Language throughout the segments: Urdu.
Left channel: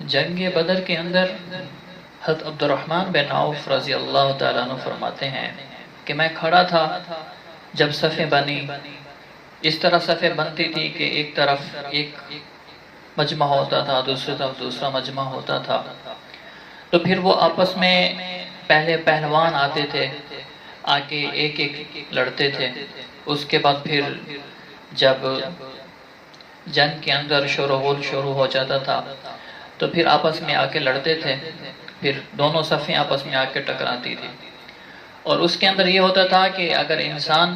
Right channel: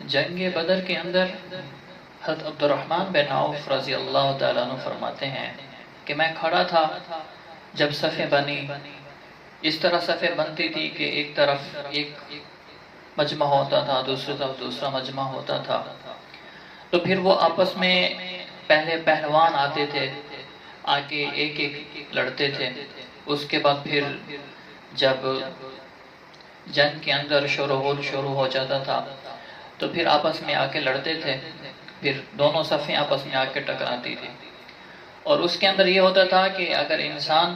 جنگ بدر کے اندر حضرت عبد الرحمن بن عوف رضی اللہ تعالیٰ عنہ فرماتے ہیں کہ میں کھڑا تھا جب صفیں بنی. اس طرح صفیں بنتی تھی کہ ایک طرف ایک مجمع ہوتا تھا، دوسری طرف دوسرا مجمع ہوتا تھا. تو پھر وہ آپس میں پہلے پہلوان آتے تھے، آگے ایک ایک لڑتے تھے. اس کے بعد پھر جب جنگ کے اندر شروع ہو جاتا تھا تو پھر آپس میں آ کے لڑتے تھے. پھر دونوں صفیں آپس میں آ کے ٹکراتی تھی. اور اس کے اندر یہ ہوتا تھا کہ اگر انسان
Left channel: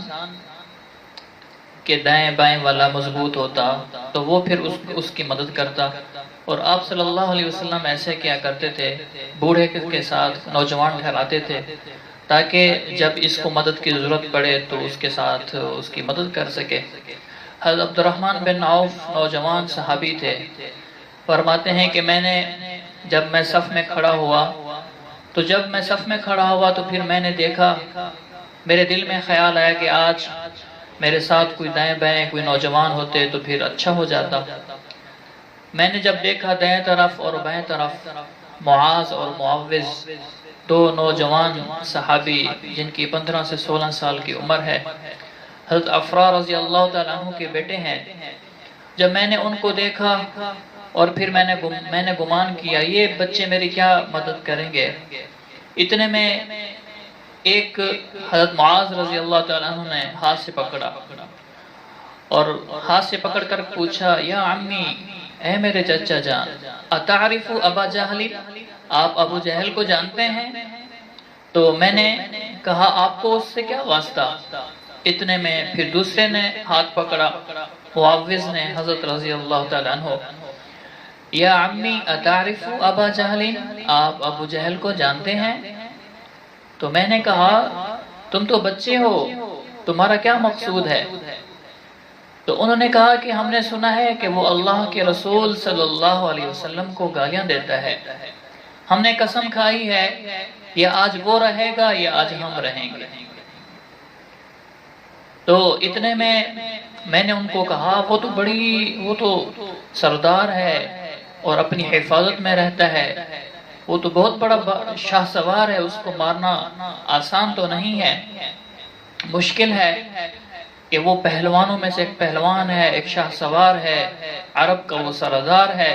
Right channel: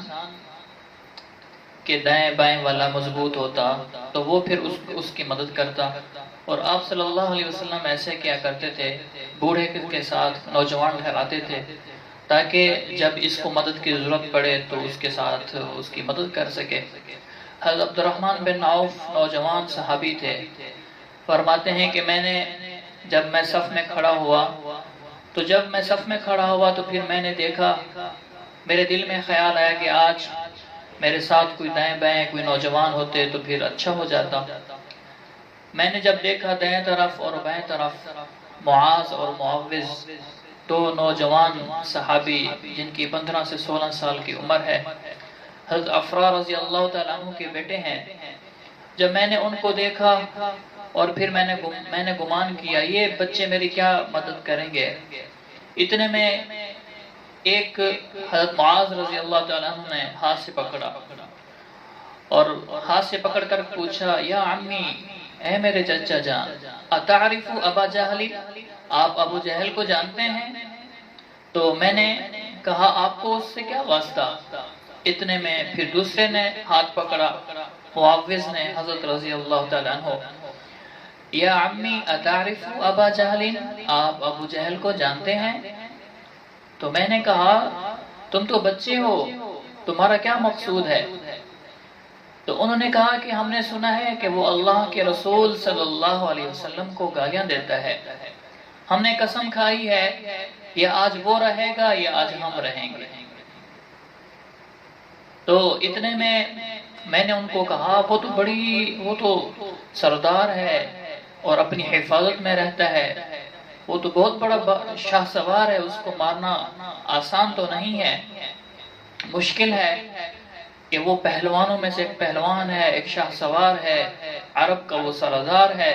کے دائیں بائیں والا مضبوط ہوتا تو وہ پھر اس کی مدد کرتا. اور آپ صلی اللہ علیہ وسلم ایسے کیا کرتے تھے، بوڑھے کے ساتھ نوجوان ٹھہراتے تھے تاکہ جب اس کو مدد کی ضرورت پڑے تو اس کے ساتھ اس کی مدد کر سکے. حضرت عبد الرحمن بن عوف نوجوان صحابی تھے. فرماتے ہیں کہ جب میں صف میں کھڑا ہوا تو پھر میں نے دیکھا، میرے دل میں خیال آیا کہ آج میرے ساتھ کوئی دائیں بائیں کوئی نوجوان ہوتے تو پھر اچھا ہو جاتا. میں نے جب دیکھا دائیں طرف اور بائیں طرف معاذ اور معوذ، دو نوجوان صحابی جن کی 15 سے 16 سال کی عمر ہے، حضرت عفرا رضی اللہ تعالیٰ عنہ کے بیٹے ہیں. جب میں نے ان کو دیکھا اور پھر میں نے گمان کیا یہ بچے میری کیا مدد کریں گے. اتنے میں ایک حضرت معاذ رضی اللہ تعالیٰ عنہ نے ہاتھ سے پکڑا اور ہاتھ سے پکڑ کر پوچھا، یا عمی، اے میرے چچا جان، اتعرف ابا جہل، آپ ابو جہل کو جانتے ہیں؟ تو میں نے کہا آپ کو اس سے کیا واسطہ. اتنے میں پھر دوسرے نے ہاتھ پکڑا، معوذ نے، حضرت رضی اللہ تعالیٰ عنہ، یا عمی اتعرف ابا جہل، آپ ابو جہل کو جانتے ہیں؟ تو میں نے کہا تم تو بچے ہو، تمہارا کیا مقصود ہے؟ تو انہوں نے کہا کہ ہم نے سنا ہے کہ وہ اللہ کے رسول صلی اللہ علیہ وسلم کو گالیاں دیتا ہے. ہم نے قسم کھائی ہے یا آج وہ رہے گا یا آج ہم رہیں گے. تو اتنے میں نے ان کو کہا وہ تو سردار ہے اور اپنی حفاظت میں رہتا ہے، وہ تو بہت بڑا شاہ سوار ہے، اس کو مارنا آسان تو نہیں ہے، مشکل ہے کہ وہ پہلوانوں میں سے ایک پہلوان ہے، ایک شاہ سوار ہے، عرب کا وہ سردار ہے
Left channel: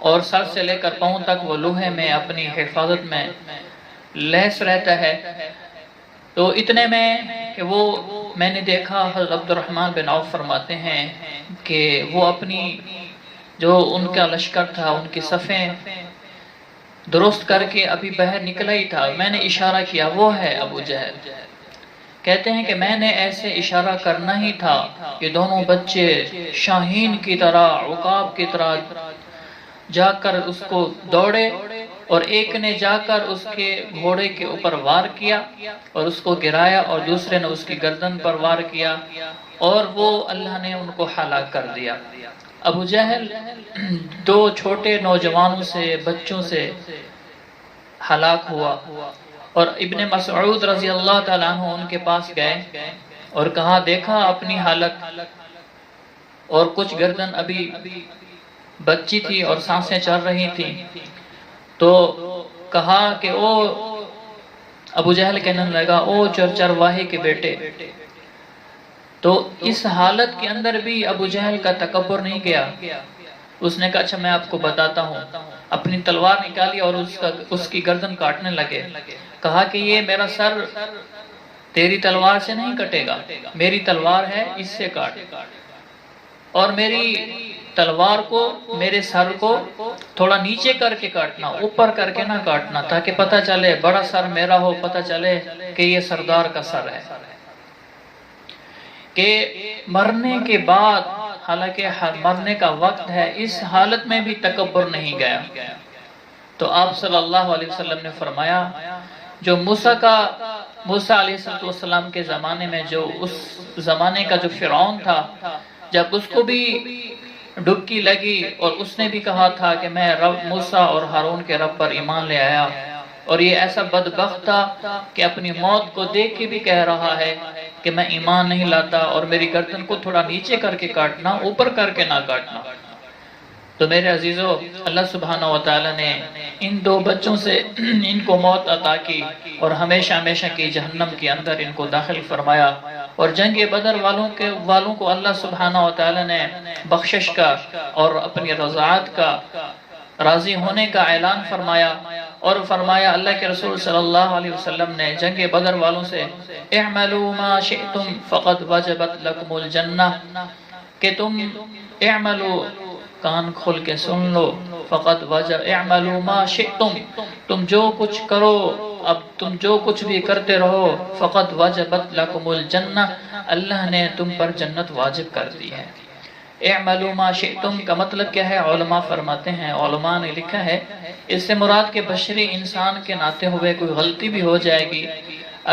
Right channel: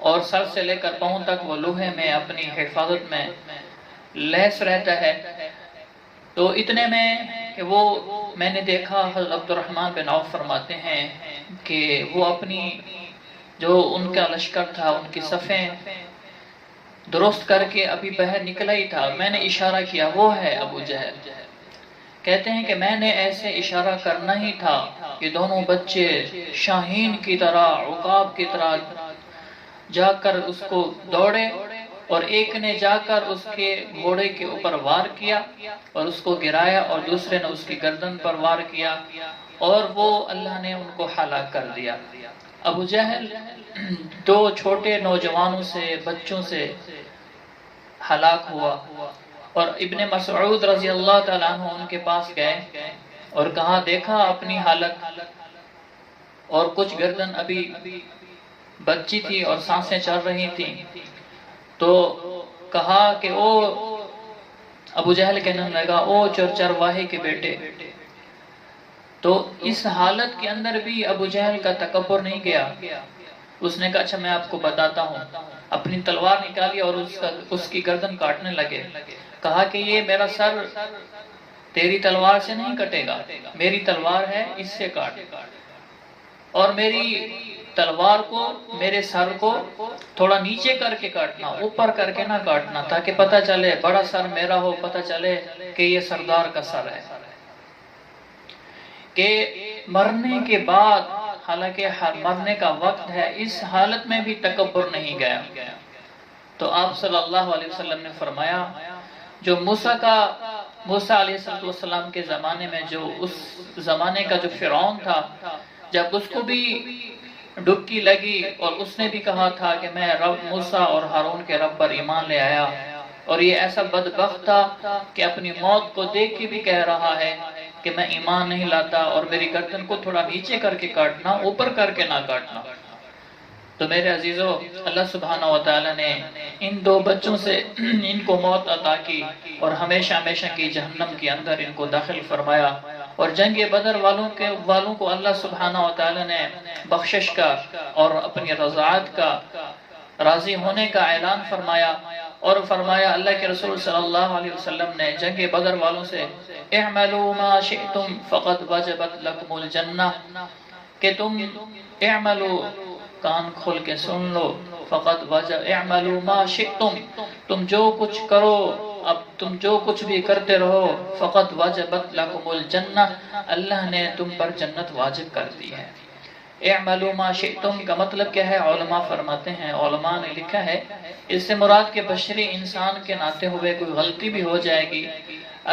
اور سر سے لے کر پاؤں تک وہ لوہے میں اپنی حفاظت میں لیس رہتا ہے. تو اتنے میں کہ میں نے دیکھا حضرت عبد الرحمن بن عوف فرماتے ہیں کہ وہ اپنی جو ان کا لشکر تھا ان کی صفیں درست کر کے ابھی باہر نکلا ہی تھا. میں نے اشارہ کیا وہ ہے ابو جہل. کہتے ہیں کہ میں نے ایسے اشارہ کرنا ہی تھا کہ دونوں بچے شاہین کی طرح، عقاب کی طرح جا کر اس کو دوڑے اور ایک نے جا کر اس کے گھوڑے کے اوپر وار کیا اور اس کو گرایا اور دوسرے نے اس کی گردن پر وار کیا اور وہ اللہ نے ان کو ہلاک کر دیا. ابو جہل دو چھوٹے نوجوانوں سے، بچوں سے ہلاک ہوا. اور ابن مسعود رضی اللہ تعالیٰ عنہ ان کے پاس گئے اور کہا دیکھا اپنی حالت، اور کچھ گردن ابھی بچی تھی اور سانسیں چل رہی تھیں. تو کہا کہ او ابو جہل کہنے لگا او چرواہے کے بیٹے. تو اس حالت کے اندر بھی ابو جہل کا تکبر نہیں گیا. اس نے کہا اچھا میں آپ کو بتاتا ہوں. اپنی تلوار نکالی اور اس کی گردن کاٹنے لگے. کہا کہ یہ میرا سر تیری تلوار سے نہیں کٹے گا، میری تلوار ہے اس سے کاٹ، اور میری تلوار کو، میرے سر کو تھوڑا نیچے کر کے کاٹنا، اوپر کر کے نہ کاٹنا، تاکہ پتہ چلے بڑا سر میرا ہو، پتہ چلے کہ یہ سردار کا سر ہے. کہ مرنے کے بعد، حالانکہ مرنے کا وقت ہے، اس حالت میں بھی تکبر نہیں گیا. تو آپ صلی اللہ علیہ وسلم نے فرمایا جو موسیٰ علیہ السلام کے زمانے میں جو اس زمانے کا جو فرعون تھا، جب اس کو بھی ڈبکی لگی اور اس نے بھی کہا تھا کہ میں موسیٰ اور ہارون کے رب پر ایمان لے آیا، اور یہ ایسا بدبخت تھا کہ اپنی موت کو دیکھ کے بھی کہہ رہا ہے کہ میں ایمان نہیں لاتا اور میری گردن کو تھوڑا نیچے کر کے کاٹنا، اوپر کر کے نہ کاٹنا. تو میرے عزیزو، اللہ سبحانہ و تعالی نے ان دو بچوں سے ان کو موت عطا کی اور ہمیشہ ہمیشہ کی جہنم کے اندر ان کو داخل فرمایا، اور جنگ بدر والوں کو اللہ سبحانہ و تعالی نے بخشش کا اور اپنی رضاعت کا، راضی ہونے کا اعلان فرمایا، اور فرمایا اللہ کے رسول صلی اللہ علیہ وسلم نے جنگ بدر والوں سے اعملوا ما شئتم فقد وجبت لکم الجنہ، کہ تم اعملوا، کان کھول کے سن لو، فقط اعملوا ما شئتم، تم جو کچھ کرو، اب تم جو کچھ بھی کرتے رہو، فقط وجبت لکم الجنہ، اللہ نے تم پر جنت واجب کر دی ہے۔ اعملوا ما شئتم کا مطلب کیا ہے؟ علماء فرماتے ہیں، علماء نے لکھا ہے اس سے مراد کے بشری انسان کے ناتے ہوئے کوئی غلطی بھی ہو جائے گی،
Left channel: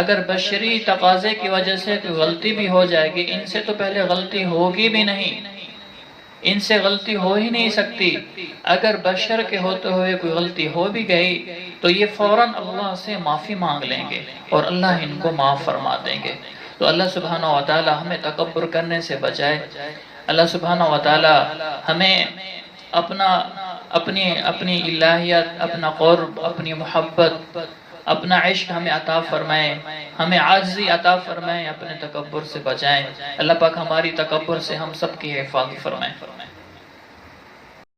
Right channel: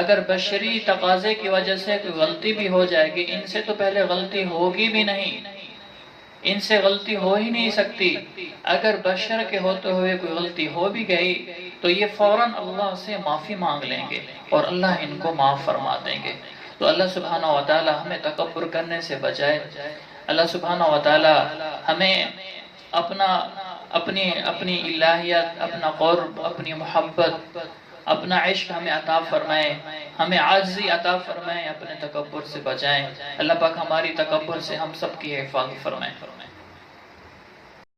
اگر بشری تقاضے کی وجہ سے کوئی غلطی بھی ہو جائے گی، ان سے تو پہلے غلطی ہوگی بھی نہیں، ان سے غلطی ہو ہی نہیں سکتی، اگر بشر کے ہوتے ہوئے کوئی غلطی ہو بھی گئی تو یہ فوراً اللہ سے معافی مانگ لیں گے اور اللہ ان کو معاف فرما دیں گے۔ تو اللہ سبحانہ و تعالی ہمیں تکبر کرنے سے بچائے، اللہ سبحانہ و تعالی ہمیں اپنی الہیت، اپنا قرب، اپنی محبت، اپنا عشق ہمیں عطا فرمائے، ہمیں عاجزی عطا فرمائے، اپنے تکبر سے بچائیں۔ اللہ پاک ہماری تکبر سے ہم سب کی حفاظت فرمائے۔